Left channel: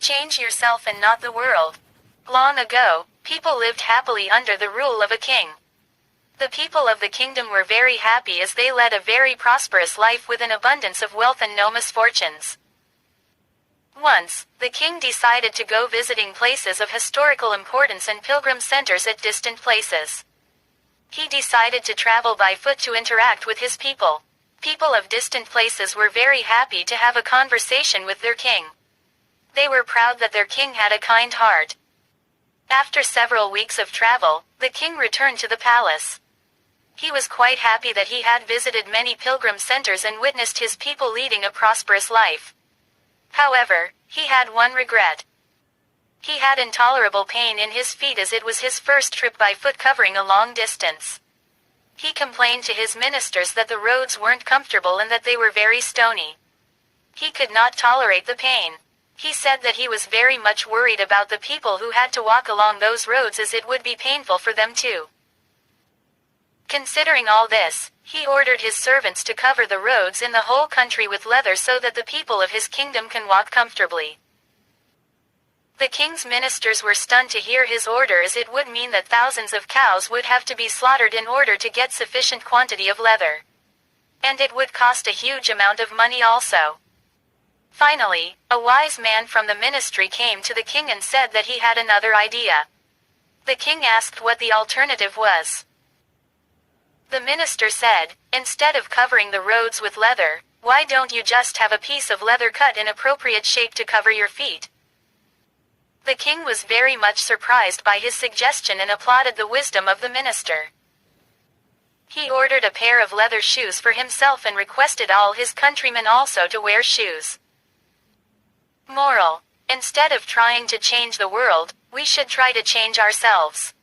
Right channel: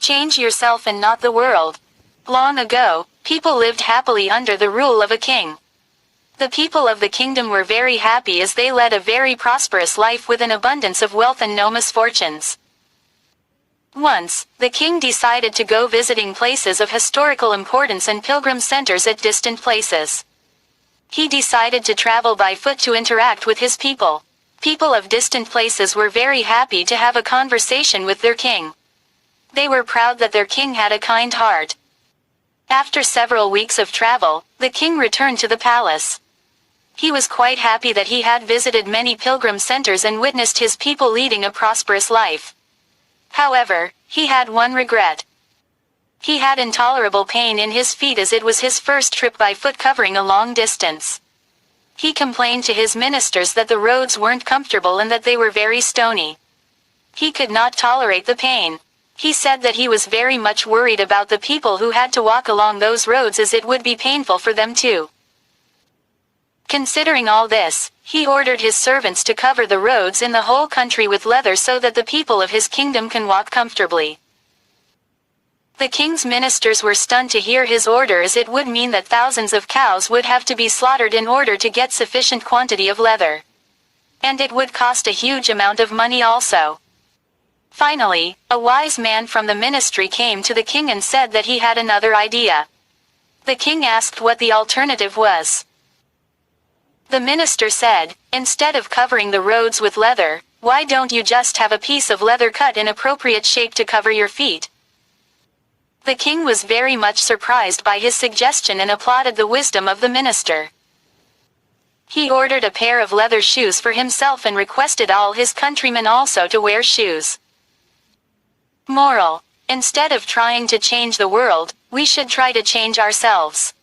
Change yourself and not the world. Long ago, people lived happily under the rule of a king. The people of the kingdom were very happy as they led a very prosperous life with an abundance of wealth and no misfortunes. Once, the king decided to go visiting places of historical importance and pilgrim centers at distant places. He decided to travel by foot to interact with his people. People of distant places were very happy to have a conversation with their king. They were proud that their king had a kind heart. After several weeks of travel, the king returned to the palace. He was quite happy that he had visited many pilgrim centers and witnessed his people leading a prosperous life. However, he had one regret. He had intolerable pain in his feet as it was his first trip by foot covering a long distance. He complained to his ministers that the roads weren't comfortable and that they were very stony. He could not tolerate the pain. He said that he was very much worried about the people who had to walk along those roads as it would be painful for them too. Considering all this, he ordered his servants to cover the roads in the whole country with leather so that the people of his kingdom can walk comfortably. The king's ministers were stunned to hear his order as it would mean that thousands of cows would have to be slaughtered in order to get sufficient quantity of leather. And it would cost a huge amount of money also. Finally, a wise man from the ministry came to the king and said that he had another idea. The king asked what the alternative was. The minister said, "Instead of covering the roads with leather, why don't you just have a piece of leather cut in appropriate shape to cover your feet?" The king was very much surprised by his suggestion and applauded the wisdom of the minister. He ordered a pair of leather shoes for himself and requested all his countrymen also to wear shoes. Moral: instead of trying to change the world, we should try to change ourselves.